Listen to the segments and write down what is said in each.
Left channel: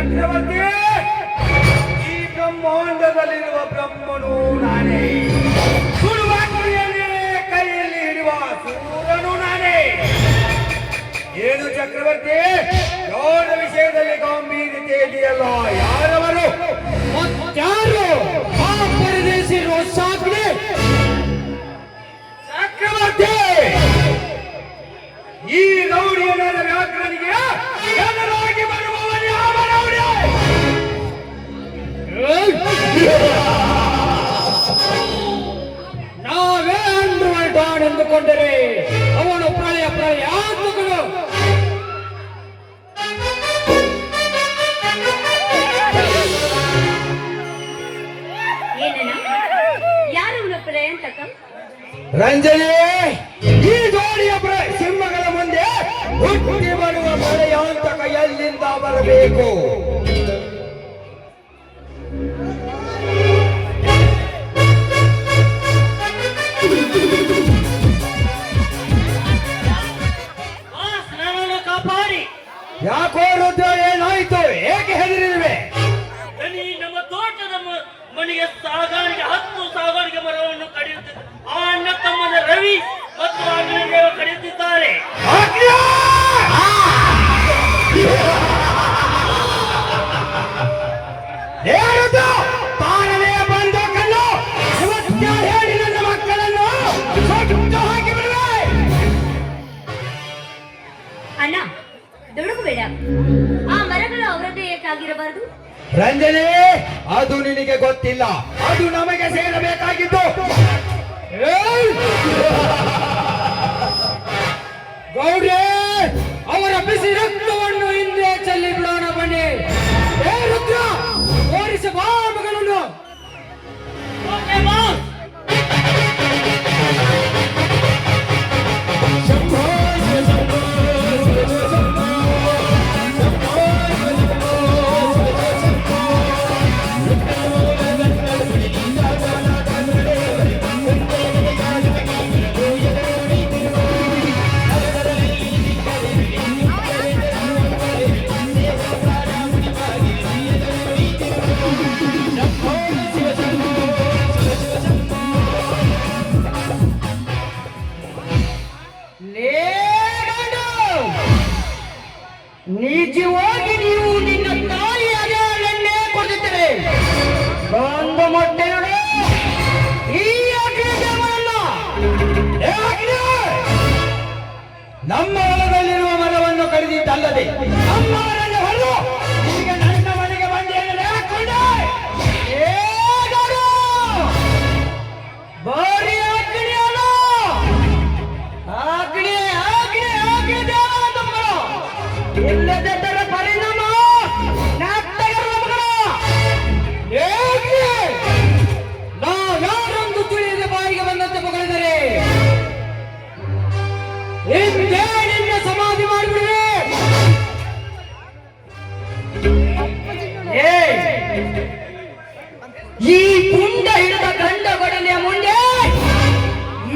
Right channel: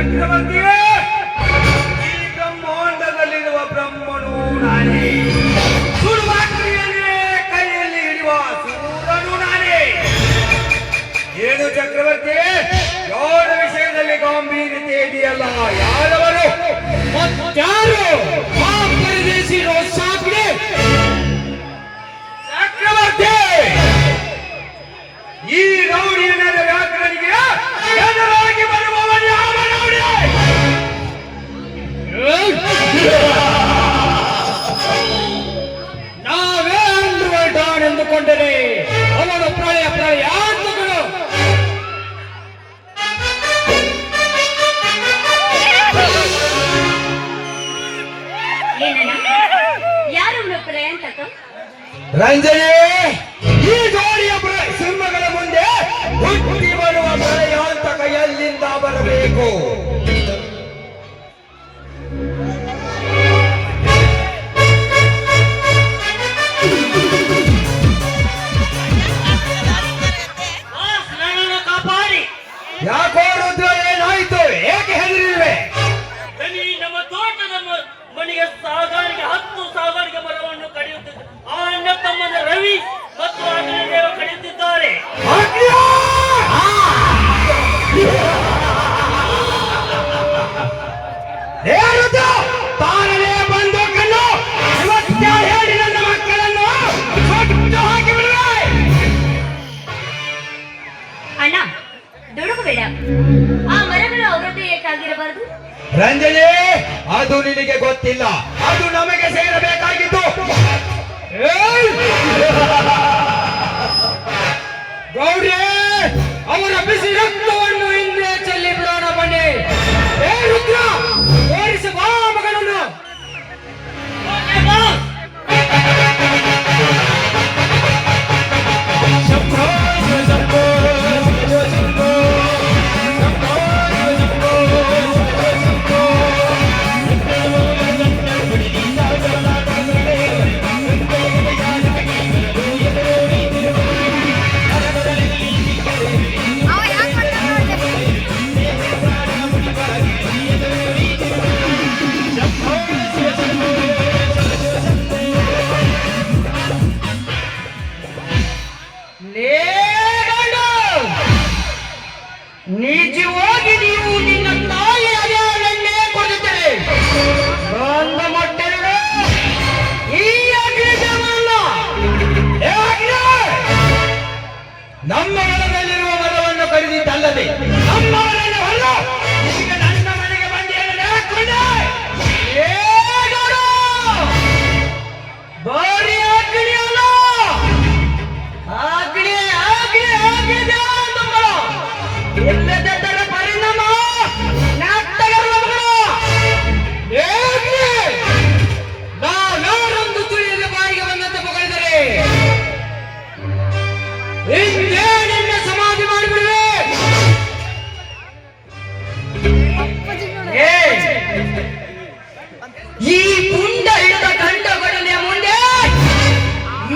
ಚಕ್ರವರ್ತಿಯೇ, ಈ ಬ್ರಹ್ಮಾಂಡದಲ್ಲಿರುವ ಬ್ರಹ್ಮನು ನಾನೇ, ಸುಡುವ ಗುರಿಯನ್ನೇ ಕೈಯಲ್ಲಿ ಹಿಡಿಯುವ ಸೂರನು ನಾನೇ. ಏನು ಚಕ್ರವರ್ತಿ, ಯೋನ ವಿಷಯದಲ್ಲಿ ಗಾಂಭೀರ್ಯತೆ ಇದೆಯಲ್ಲ, ಯಾರವರು ಮತ್ತಾರು ಆ ಪರದೇಶಿರೋ ಸಾಕ್ರೆ ಚಕ್ರವರ್ತಿ? ಈ ರೌಡಿಯ ಮೇಲೆ ವ್ಯಾಕರಣಿಗೆ ಎದುರಾಗಿ ಬರುವವನು ಯಾವ ರೌಡಿ? ನಾವೇ ಅಂಡರ್ವರ್ಲ್ಡ್ ಡಾನ್ ಎಂದುಕೊಂಡರೆ ಅವನು ಪ್ರಳಯಾತ್ಮಕನು. ರಂಜನೆ, ಈ ಜೋಡಿಯ ಸಿಂಹಗಳ ಮುಂದೆ ಹುಟ್ಟಿ ಬರುವ ಪ್ರಳಯಾಂತಕ ಎಲ್ಲಿಂದ ಬರಬೇಕು? ಯಾಕೋ ರುದ್ರ, ಏನಾಯ್ತು? ಏಕೆ ಹೆದರಿಲ್ವೇ? ನಮ್ಮ ತೋಟದ ಮನೆಗೆ ಸಾಗಾಣಿಕೆ 10 ಸಾಗಾಣಿಕೆ ಮರವನ್ನು ಕಡಿಯುತ್ತಿದ್ದ ಆ ಅಣ್ಣ ತಮ್ಮನ ರವಿ ಮತ್ತು ರಾಘವೇಂದ್ರ ಕಡಿಯುತ್ತಿದ್ದಾರೆ. ತಾನಲೇ ಬಂದು ಕಣ್ಣು ಇವತ್ತ ಹೇಳಿ ನನ್ನ ಮಕ್ಕಳನ್ನು ಹಾಕಿ ಬಿಡುವೆ. ಅಣ್ಣ ದುಡುಕಬೇಡ, ಆ ಮರಗಳು ಅವರದ್ದೇ ಏಕಾಗಿರಬಾರದು. ರಂಜನೆ, ಅದು ನಿನಗೆ ಗೊತ್ತಿಲ್ಲ, ಅದು ನಮಗೆ ಸೇರಬೇಕಾಗಿತ್ತು. ಗೌಡ್ರೆ, ಅವರ ಬಿಸಿ ರಕ್ತವನ್ನು ಹಿಂದೆ ಚೆಲ್ಲಿ ಬಿಡೋಣ ಬನ್ನಿ. ಏ ರುದ್ರ, ಓಡಿಸಿ ಬಾ ಮಗಳನ್ನು. ನಿಜವಾಗಿ ನೀವು ನಿನ್ನ ತಾಯಿ ಅರಿಯನ್ನೇ ಕೊಡುತ್ತಾರೆ. ಒಂದು ಮೊಟ್ಟೆಗಳು ಈ ಅಗ್ನಿದೇವರನ್ನ ನಮ್ಮ ಹೊಲದಲ್ಲಿರುವ ಮರವನ್ನು ಕಡಿದಿದ್ದಲ್ಲದೆ ನಮ್ಮ ಮನೆಯ ಹೊಲ ಈಗ ನನ್ನ ಮನೆಗೆ ಬಂದು ಹಾಕೊಂಡೆ. ಬಾರಿ ಅಗ್ನಿಯಲ್ಲ, ಅಗ್ನಿ ಅಗ್ನಿ ಅಗ್ನಿ ದೇವರ ಇಲ್ಲದರ ಪರಿಣಾಮ ನಾವ್ಯಾರೊಂದು ತಿಳಿಯದ ಬಾರಿಗೆ ಬಂದಂತೆ ಮಗಳಿದರೆ ಹಿಂದೆ ನಿನ್ನ ಸಮಾಧಿ ಮಾಡಿಬಿಡುವೆ. ಈ ಗುಂಡ ಹಿಡಿದ ಗಂಡ ಬಡಲೆಯ ಮುಂದೆ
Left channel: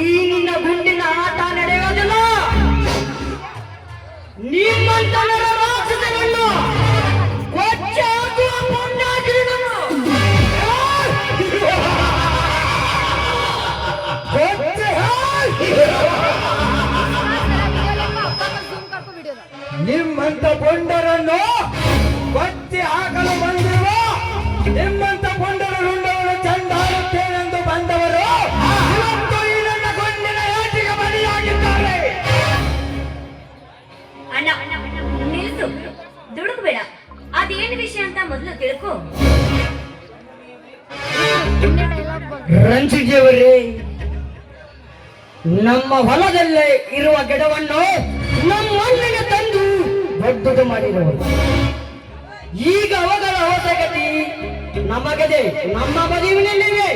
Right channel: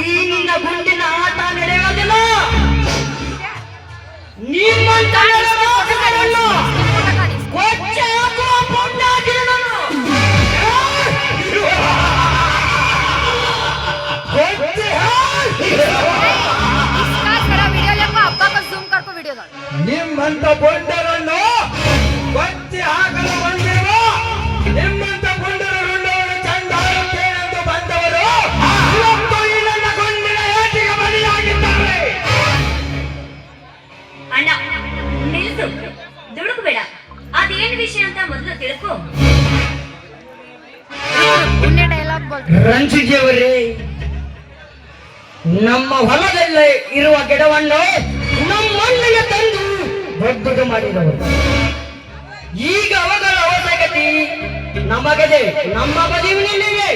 ಈ ನಿನ್ನ ಗುಂಡಿನ ಆಟ ನಡೆಯೋದಿಲ್ಲ. ನಿಮ್ಮಂತ ನಿಮ್ಮಂತ ಪೊಂಡರನ್ನು ಬಚ್ಚಿ ಹಾಕಲು ಬಂದಿರುವ ನಿಮ್ಮಂತ ಪೊಂಡರನ್ನು ಚಂದಾಡುತ್ತೇನೆಂದು ಬಂದವರು ಇವತ್ತು ಈ ನನ್ನ ಗುಂಡಿನ ಏಟಿಗೆ ಬಲಿಯಾಗಿದ್ದಾರೆ. ಅಣ್ಣ ನಿಲ್ಸು, ದುಡುಕಬೇಡ. ಅದೇನು ವಿಷಯ ಅಂತ ಮೊದಲು ತಿಳ್ಕೊ. ರಂಜಿಜಿಯವರೇ, ನಮ್ಮ ಹೊಲದಲ್ಲೇ ಇರುವ ಗಿಡವನ್ನು ನಮ್ಮಣ್ಣನ ತಂದು ದೊಡ್ಡದು ಮಾಡಿದವರು. ಈಗ ಅವುಗಳ ಅವಶ್ಯಕತೆ ನಮಗಿದೆ, ನಮ್ಮ ಬದಿವಿನಲ್ಲಿವೆ.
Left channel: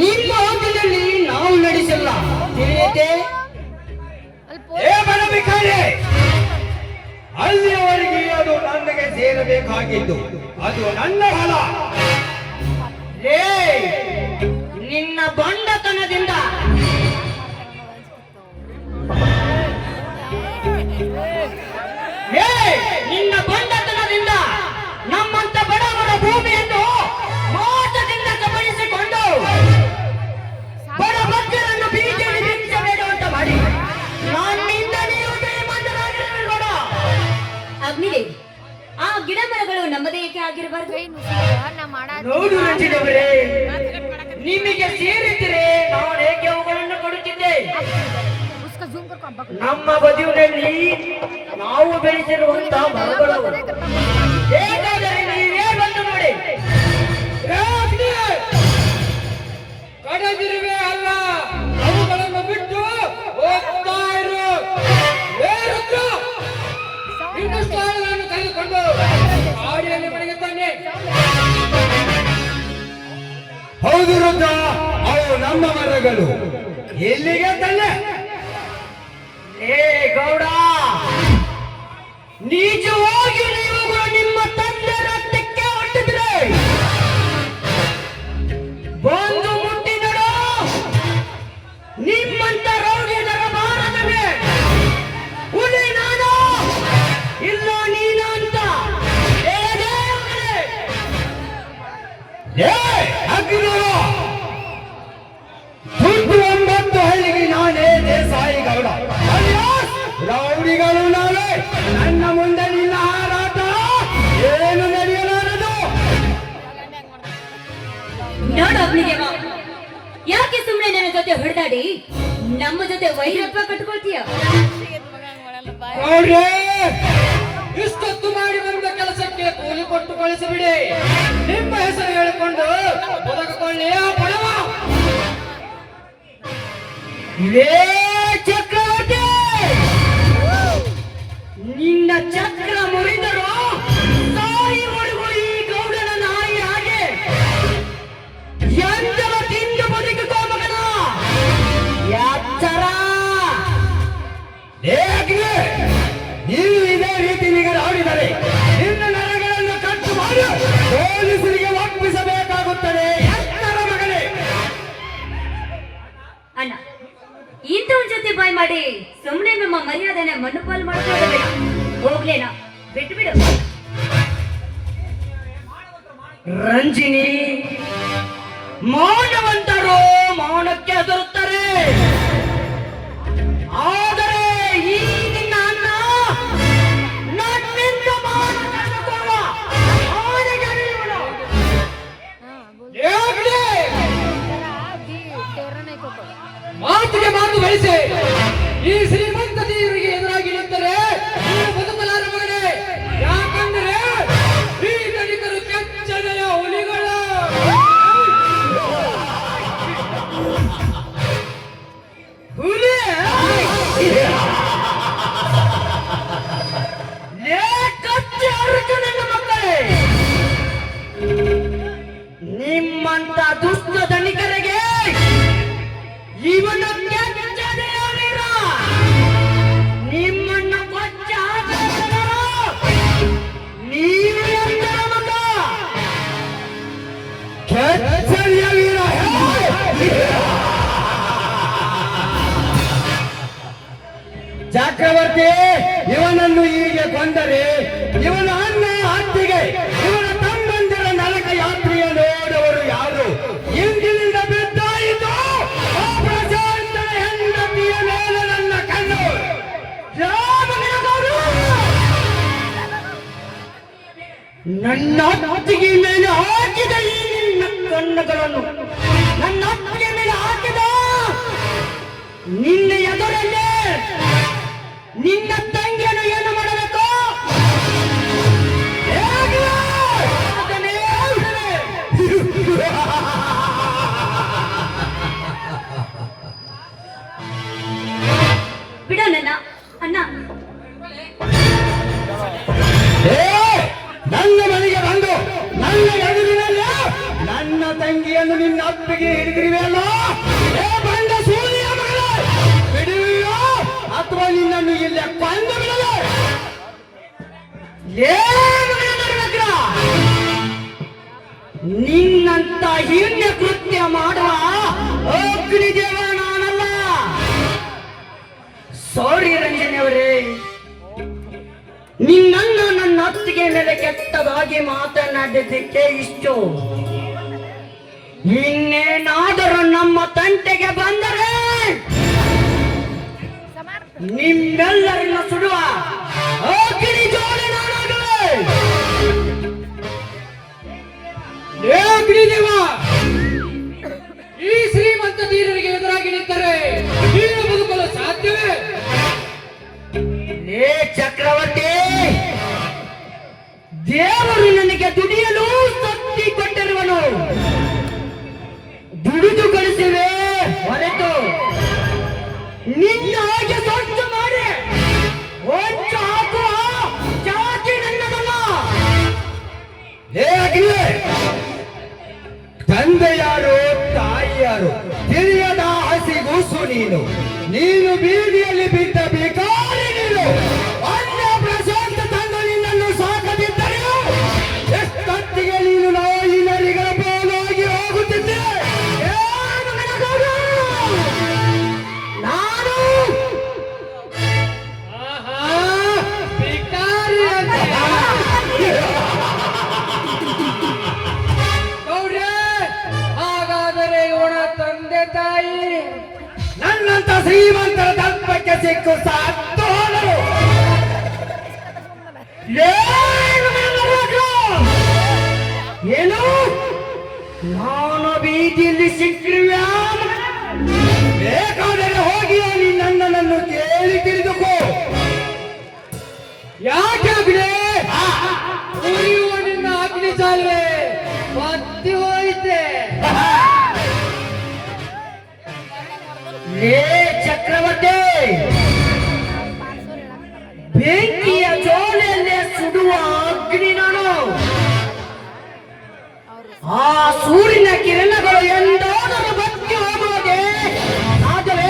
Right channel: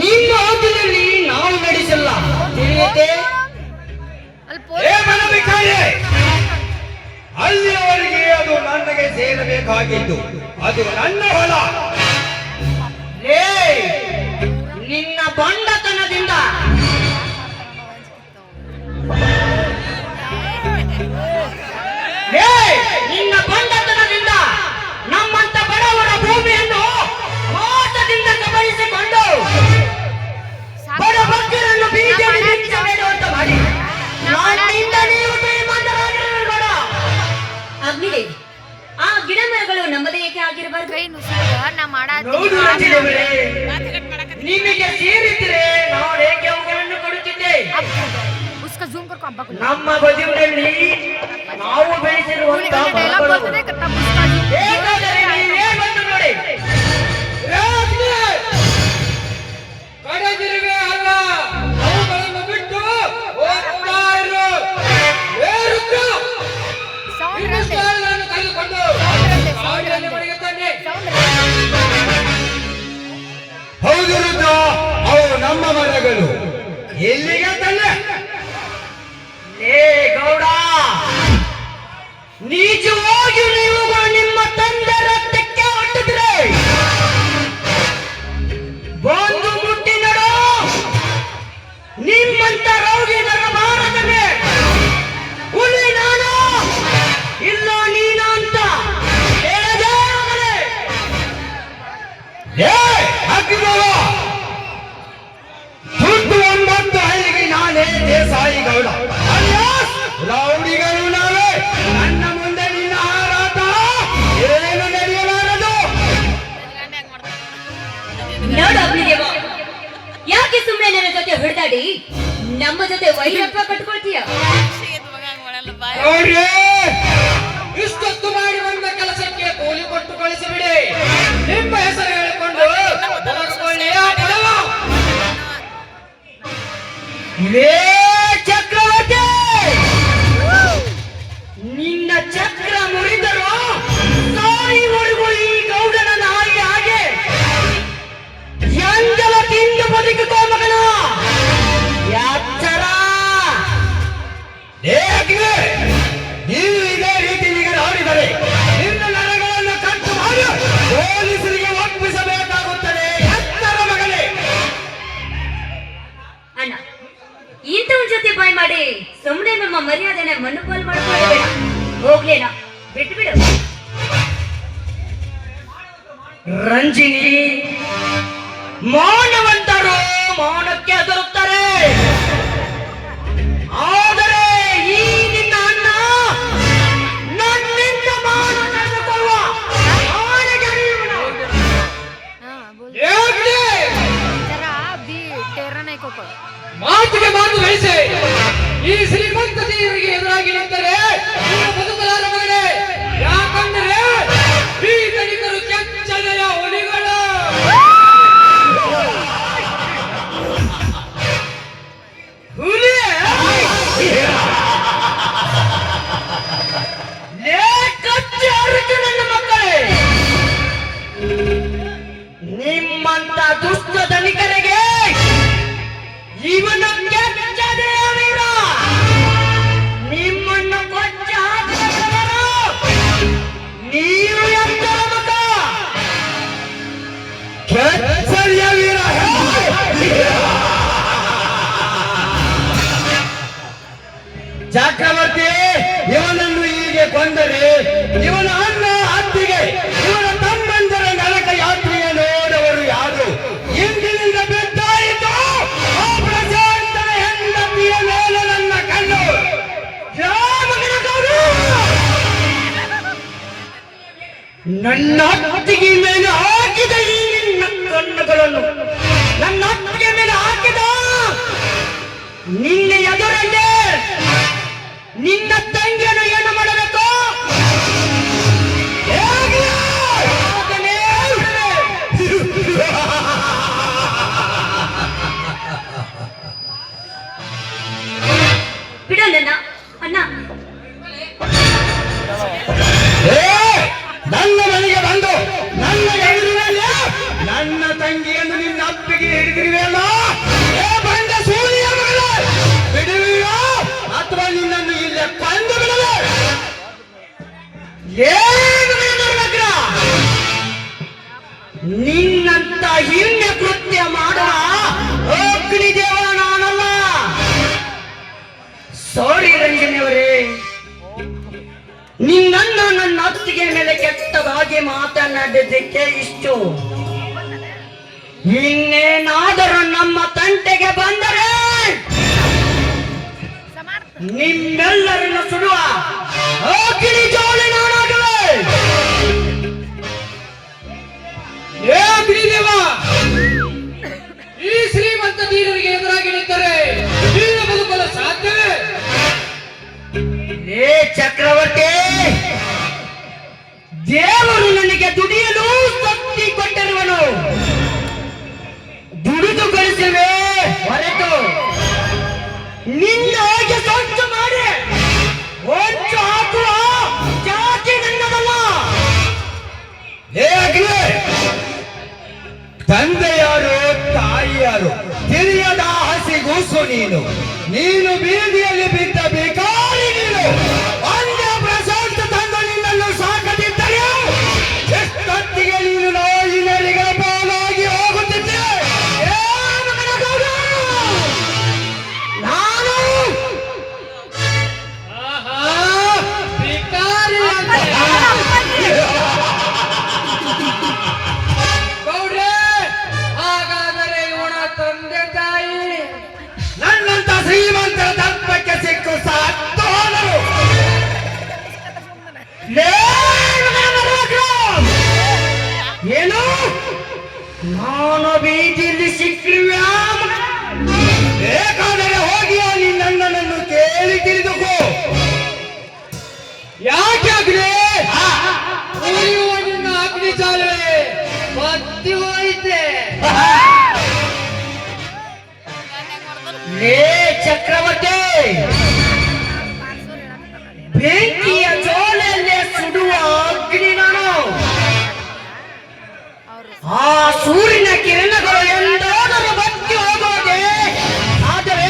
ನಿಮ್ಮ ಹೋಟೆಲಲ್ಲಿ ನಾವು ನಡೆಸಿಲ್ಲ, ತಿಳಿಯುತ್ತೆ? ಅಲ್ಲಿಯವರೆಗೆ ಅದು ನನಗೆ ಸೇರಬೇಕಾಗಿದ್ದು, ಅದು ನನ್ನ ಹೊಲ. ನಿನ್ನ ಬಂಡತನದಿಂದ ನಿನ್ನ ಬಂಡತನದಿಂದ ಆಗಿರಬಾರ್ದು. ಕೈ ನುಸುಳುವ ನಾ ಹೌದು ಅಂಜಿನವರೇ, ಮಾಡಾತೀನಿ ನಿಮಗೆ ಸೇರಿದ್ರೆ ನಾನು ಏಕೆ ಅವುಗಳನ್ನು ಕೊಡುತ್ತಿದ್ದೆ. उसका जूम करको अब्बा को ನಮ್ಮ ಬದುಕಿನಲ್ಲಿ ನಾವು ಬೆಳೆಸಿರುವಂತಹ ಮರಗಳು ಬೇಕಾದರೆ ನೀವೇ ಬಂದು ನೋಡಿ. ರಾಜ್ಞೆ ಕಡದಿರುವೆ ಅಲ್ಲ, ಅವುಗಳನ್ನು ಬಿಟ್ಟು ಹೋಗ್ತಾ ಇರು. ಏ ರುದ್ರ, ಇನ್ನಷ್ಟು ಆಳುಗಳನ್ನು ತೆಗೆದುಕೊಂಡು ಕಾಡಿನಲ್ಲಿ ಬಡಿಯುತ್ತಾನೆ. ಹೌದು ರುದ್ರ, ಅವು ನಮ್ಮ ಮರಗಳು. ಎಲ್ಲಿಗೆ ತಂದೆ? ಏ ಗೌಡ, ನಿಜವಾಗಿ ನೀವುಗಳು ನಿಮ್ಮ ತಂದೆ ರಕ್ತಕ್ಕೆ ಹೊಟ್ಟಿದ್ರೆ ಬಂದು ಮುಟ್ಟಿ ನಡು. ನಿಮ್ಮಂತ ರೋಗಿಗಳ ಭಾರತವೇ ಹುಲಿ ನಾನು ಇಲ್ಲ ನೀನ ಅಂತ ಏ ಅಗ್ನವ, ಸುತ್ತು 9 ಹಳ್ಳಿಗೆ ನಾನೇ ದೇಸಾಯಿ ಗೌಡ. ಅಲಿಯಾಸ್ ರೌಡಿಗಳು ನಾವೇ. ನನ್ನ ಮುಂದೆ ನಿನ್ನ ಹಾರಾಟ ಏನು ನಡೆಯಲಾರದು. ನೋಡು ಅಗ್ನಿದೇವ, ಯಾಕೆ ಸುಮ್ಮನೆ ನನ್ನ ಜೊತೆ ಹೊಡೆದಾಡಿ ನಮ್ಮ ಜೊತೆ ವೈರತ್ವ ಕಟ್ಕೊಳ್ತೀಯ? ನೋಡ್ರಿ, ಇಷ್ಟೊತ್ತು ಮಾಡಿ ಬಂದ ಕೆಲಸಕ್ಕೆ ಕೂಲಿ ಕೊಟ್ಟು ಕಳಿಸಿಬಿಡಿ. ನಿಮ್ಮ ಹೆಸರು ಹೇಳಿಕೊಂಡು ಹೊರಡ್ಕೊಳ್ಳಿ ಆ ಬಡವ. ಇದೇ ಚಕ್ರವರ್ತಿ, ನಿನ್ನ ಚಕ್ರ ಮುರಿದರು ಸಾಯಿವರೆಗೂ ಈ ಗೌಡನ ನಾಯಿ ಹಾಗೆ ಎಂದಲ ತಿಂದು ಬದುಕುತ್ತೋ ಮಗನ ಎಚ್ಚರ. ಏ ಅಗ್ನಿ, ನೀವು ಇದೇ ರೀತಿ ನಿಗರಾಡಿದರೆ ನಿನ್ನ ನರಗಳನ್ನು ಕಟ್ಟು ಮಾಡಿ ಪೊಲೀಸರಿಗೆ ಒಪ್ಪಿಸಬೇಕಾಗುತ್ತದೆ. ಎತ್ತರ ಮಗನೇ. ಅಣ್ಣ, ಇಂಥವನ್ ಜೊತೆ ಬಾಯ್ ಮಾಡಿ ಸುಮ್ಮನೆ ನಮ್ಮ ಮರ್ಯಾದೆನ ಮಣ್ಣುಪಾಲು ಮಾಡ್ಕೊಳ್ಳೋದು ಬೇಡ. ಹೋಗ್ಲೇನಾ, ಬಿಟ್ಟು ಬಿಡು. ರಂಜಿನಿ, ಮೌನವಂತರು ಮೌನಕ್ಕೆ ಹೆದರುತ್ತಾರೆ. ಆದರೆ ಈ ನಿನ್ನ ಅಣ್ಣ ನನ್ನಿಂದ ಮೌನ ಕಳೆದುಕೊಳ್ಳುವ ಆನೆಗಳು ಇವನು. हां बोल ಏ ಅಗ್ನಿ, जरा बी तेरा नहीं को ಮಾತಿಗೆ ಮಾತು ಬೆಳೆಸಿ ಈ ಶ್ರೀಮಂತ ದೇವರಿಗೆ ಎದುರಾಗಿ ನಿಂತರೆ ನೀವು ಬದುಕಲಾರ ಮಗನೇ. ಯಾಕಂದ್ರೆ ಈ ಧನಿಕರು ಕೆಚ್ಚನೆಯ ಹುಲಿಗಳು. ಹುಲಿ ಲೇ ಕಚ್ಚಿ ಅರಿತು ನನ್ನ ಮಕ್ಕಳೇ, ನಿಮ್ಮಂತ ದುಷ್ಟ ಧನಿಕರಿಗೆ ಇವನ ಕೆಚ್ಚನೆಯ ವೀರ. ನಿಮ್ಮನ್ನು ಕೊಚ್ಚ ಹಾಕಿದವರು ನೀವು ಎಂತ ಮಗ. ಕೆಚ್ಚನೆಯ ವೀರ. ಚಕ್ರವರ್ತಿ, ಇವನನ್ನು ಹೀಗೆ ಕೊಂದರೆ ಇವನ ಅಣ್ಣ ಹತ್ತಿಗೆ ಇವನ ತಮ್ಮಂದಿರ ನರಕ ಯಾತ್ರೆಯ ನೋಡವರು ಯಾರು? ಇಂದಿನಿಂದ ಬಿದ್ದಾಯಿತು ಆ ಪ್ರಶಾಂತನ ಹೆಂಡತಿಯ ಮೇಲೆ ನನ್ನ ಕಣ್ಣು. ರಾಮಗಣಗೌಡ, ನನ್ನ ಹತ್ತಿಗೆ ಮೇಲೆ ಹಾಕಿದ ಈ ನಿನ್ನ ಕಣ್ಣುಗಳನ್ನು ನನ್ನ ಹತ್ತಿಗೆ ಮೇಲೆ ಹಾಕಿದ ನಿನ್ನ ಎದುರಲ್ಲೇ ನಿನ್ನ ತಂಗಿಯನ್ನು ಏನು ಮಾಡಬೇಕು? ಹೇಗೆ? ಅದನ್ನೇ ಹೇಳು. ಬಿಡು ನನ್ನ ಅಣ್ಣ. ಏ, ನನ್ನ ಮನೆಗೆ ಬಂದು ನನ್ನ ಎದುರಿನಲ್ಲಿ ನನ್ನ ತಂಗಿಯನ್ನು ನಿನ್ನ ಅಪ್ಪಿಗೆ ಹಿಡಿದಿರುವೆಯಲ್ಲ. ಏ ಬಂದ ಸೂರ್ಯ ಮಗಳೇ, ಬಿಡುವೆಯೋ ಅಥವಾ ನಿನ್ನನ್ನು ಇಲ್ಲೇ ಕೊಂದು ಬಿಡುವೆ. ಏನು ದುರ್ಭದ್ರ? ನಿನ್ನಂತ ಹಿರಿಯ ಕೃತ್ಯ ಮಾಡುವ ಅಗ್ನಿದೇವ ನಾನಲ್ಲ. ಸಾರಿ ರಂಜನಿಯವರೇ, ನಿನ್ನನ್ನು ನನ್ನ ಅತ್ತಿಗೆ ಮೇಲೆ ಕೆಟ್ಟದಾಗಿ ಮಾತನಾಡಿದ್ದಕ್ಕೆ ಇಷ್ಟು. ಇನ್ನೇನಾದರೂ ನಮ್ಮ ತಂಟೆಗೆ ಬಂದರೆ ನಿಮ್ಮೆಲ್ಲರನ್ನು ಸುಡುವ ಅಗ್ನಿ ಜೋಡಿ ನಾನಾಗಲೇ. ದೇವರು ನನಗೆ ದುಡಿಯಲು ಶಕ್ತಿ ಕೊಟ್ಟಿರುವನು. ದುಡಿದು ಗಳಿಸುವೆ ಹೊರತು ನಿನ್ನ ಹಾಗೆ ಸಂಚು ಮಾಡಿ ಹೊಚ್ಚು ಹಾಕುವ ಜಾತಿ ನನ್ನದಲ್ಲ. ಹೇ ಅಗ್ನಿ, ತಂದೆ ಯಾರು ತಾಯಿ ಯಾರು ತಿಳಿಯದ ಹಸಿಗೂಸು ನೀನು. ನೀನು ಬೀದಿಯಲ್ಲಿ ಬಿದ್ದ ಬೇಕಾರಿ ನೀನು. ಅನ್ಯ ಪ್ರಶಾಂತ ತಂದು ನಿನ್ನನ್ನು ಸಾಕದಿದ್ದರೆ ಎಷ್ಟೊತ್ತಿಗೆ ನೀನು ನಾಯಿ ನರಿಗಳ ಪಾಲಾಗಿ ಹೋಗುತ್ತಿದ್ದೆ. ಏನು ನನಗದು? ನಾನು ಭಿಕಾರಿ ಅಂತೆ. ಗೌಡ್ರೆ, ಹಾಗಾದರೆ ಇವನ ತಂದೆ ತಾಯಿ ನನ್ನಂತ ಶ್ರೀಮಂತರ ದರ್ಪಕ್ಕೆ ಸಿಕ್ಕು ಸತ್ತು ಹೋದರು. ಏನು ನಾನು ಬೀದಿಯಲ್ಲಿ ಸಿಕ್ಕಿರುವೆ? ಬೇಕಾದರೆ ಹೋಗಿ ನೀನು ನನ್ನನ್ನು ಕೇಳಿ ತಿಳಿದುಕೋ. ಯಾಕೆ ಅಗ್ನಿ? ಉರಿಯುವ ನಿನ್ನ ಅಗ್ನಿ ಚಾಲುವೆ ಬತ್ತಿ ಹೋಯಿತೆ. ಲೇ ಚಕ್ರವರ್ತಿ, ಬೆಂಕಿಯ ಜೋಲೆಯಲ್ಲೇ ಸುಡುವ ಅಗ್ನಿ ನಾನು. ಆ ಸೂರ್ಯನ ಕಿರಣಗಳು ಎಂದಾದರೂ ಬತ್ತಿ ಹೋಗುವುದೇ? ಆದರೆ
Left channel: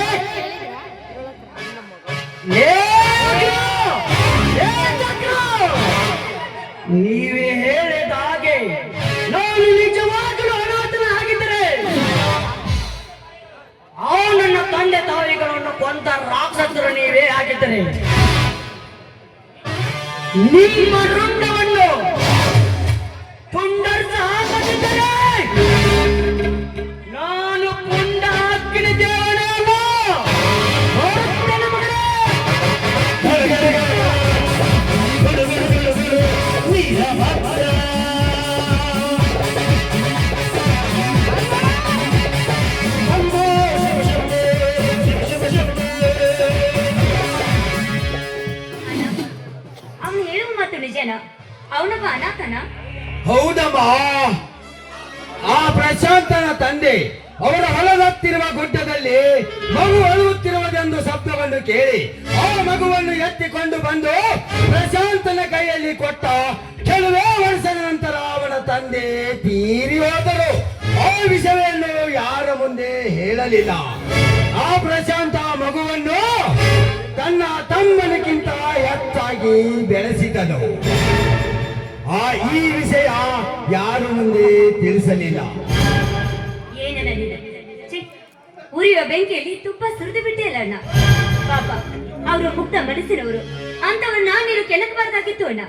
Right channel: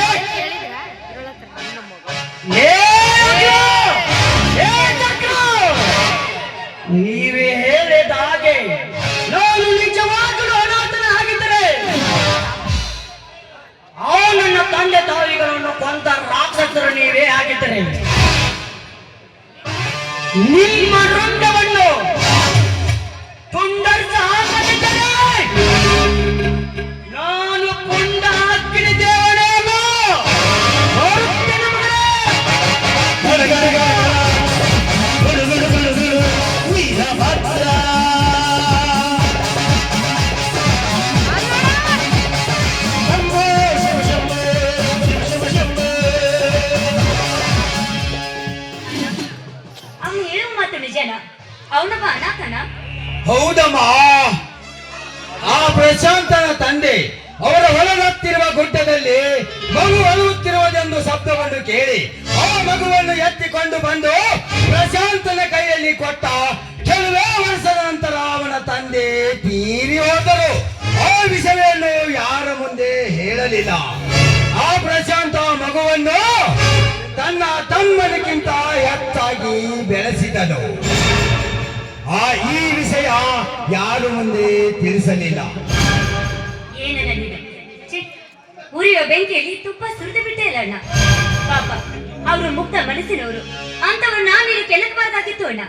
ನೀವೇ ಹೇಳಿದ ಹಾಗೆ ನಾನು ನಿಜವಾಗಲೂ ಅನಾಥನಾಗಿದ್ದರೆ ನನ್ನ ತಂದೆ ತಾಯಿಗಳನ್ನು ಕೊಂದ ರಾಕ್ಷಸರು ನೀವೇ ಆಗಿದ್ದರೆ ನಿಮ್ಮ ರಕ್ತವನ್ನು ಪುಂಡರ್ಸ ಹಾಕದಿದ್ದರೆ ನಾನು ಪುಂಡ ಹಾಕಿದ ದೇವನೇನ ಅವನು ಹೇಳುವ ಮಾತು ನಿಜನ? ಅವನೊಬ್ಬ ಅನಾಥನ? ಹೌದಮ್ಮ. ಆ ಪ್ರಶಾಂತನ ತಂದೆ ಅವರ ಹೊಲದತ್ತಿರುವ ಗುಡ್ಡದಲ್ಲಿ ಮಗು ಅಳುತ್ತಿರುವುದೆಂದು ಶಬ್ದವನ್ನು ಕೇಳಿ ಆ ಮಗುವನ್ನು ಎತ್ತಿಕೊಂಡು ಬಂದು ಪ್ರಶಾಂತನ ಕೈಯಲ್ಲಿ ಕೊಟ್ಟ. ಕೆಲವೇ ವರ್ಷದ ನಂತರ ಅವನ ತಂದೆ ತೀರಿ ಹೋದರು. ಆ ವಿಷಯವನ್ನು ಯಾರ ಮುಂದೆ ಹೇಳಲಿಲ್ಲ. ಆ ಪ್ರಶಾಂತ ಮಗುವನ್ನು ತನ್ನ ತಮ್ಮನಿಗಿಂತ ಹೆಚ್ಚಾಗಿ ಬೆಳೆಸಿದನು. ಈ ವಿಷಯ ಯಾರು ಮುಂದೆ ತಿಳಿಸಲಿಲ್ಲ. ಏನನ್ನ ಉರಿಯುವ ಬೆಂಕಿಯಲ್ಲಿ ತುಪ್ಪ ಸುರಿದು ಬಿಟ್ಟಿಲ್ಲ ಅಣ್ಣ. ಪಾಪ ಅವರು ಮುಕ್ತ ಮನಸ್ಸಿನವರು. ಅಂತವ್ರು ನಾನೇನು ಕೆಳಕಬಾರ್ದಾಗಿತ್ತು ಅಣ್ಣ.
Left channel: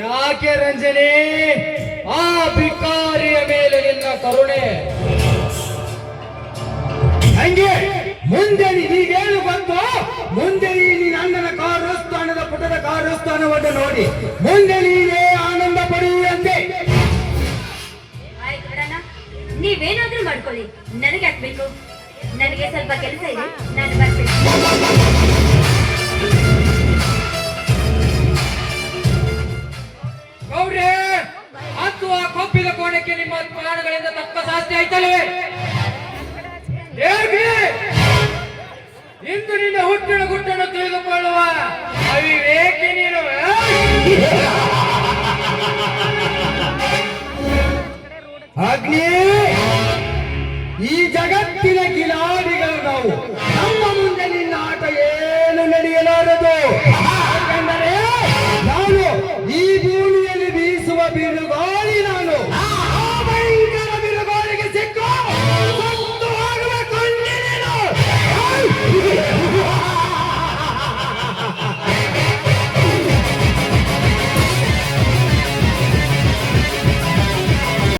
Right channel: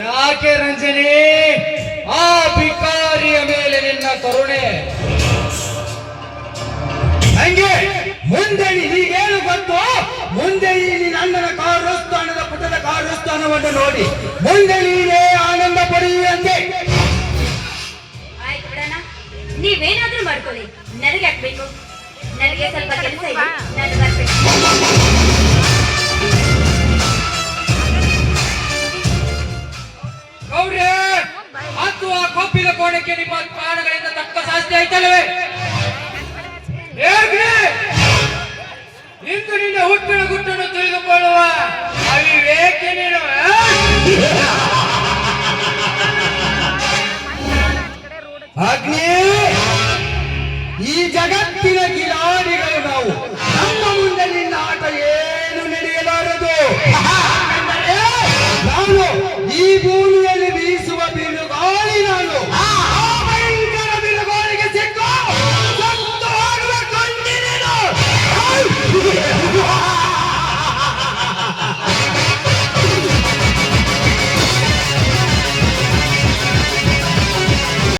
ಯಾಕೆ ರಂಜನಿ ಆ ಭಿಕಾರಿಯ ಮೇಲೆ ನಿನ್ನ ಕರುಣೆ? ಹಂಗೆ ಮುಂದೆ ನೀಗೇನು ಬಂತು? ಮುಂದೆ ನೀನು ಅಣ್ಣನ ಕಾರ್ಯಸ್ಥಾನದ ಪುಟದ ಕಾರ್ಯಸ್ಥಾನವನ್ನು ನೋಡಿ ಮುಂದೆ ನೀನೇ ಆನಂದ ಪಡೆಯುವಂತೆ. ಆಯ್ತು ಬಿಡಣ್ಣ, ನೀವೇನಾದ್ರೂ ಮಾಡ್ಕೊಳ್ಳಿ, ನನಗೆ ಹಾಕ್ಬೇಕು. ನನಗೆ ಸ್ವಲ್ಪ ಕೆಲಸ ಇದೆ, ನಾನು ಬರ್ಬೇಕು. ಗೌಡ್ರೆ, ಮತ್ತು ಆ ಕೊಬ್ಬಿದ ಕೋಣಕ್ಕೆ ನಿಮ್ಮ ಪ್ರಾಣಗಳಿಂದ ತಕ್ಕ ಶಾಸ್ತಿ ಆಯ್ತಲ್ಲವೇ? ಹೇಗೆ ಇಂದು ನಿನ್ನ ಹುಟ್ಟಿನ ಗುಟ್ಟನ್ನು ತಿಳಿದುಕೊಳ್ಳುವ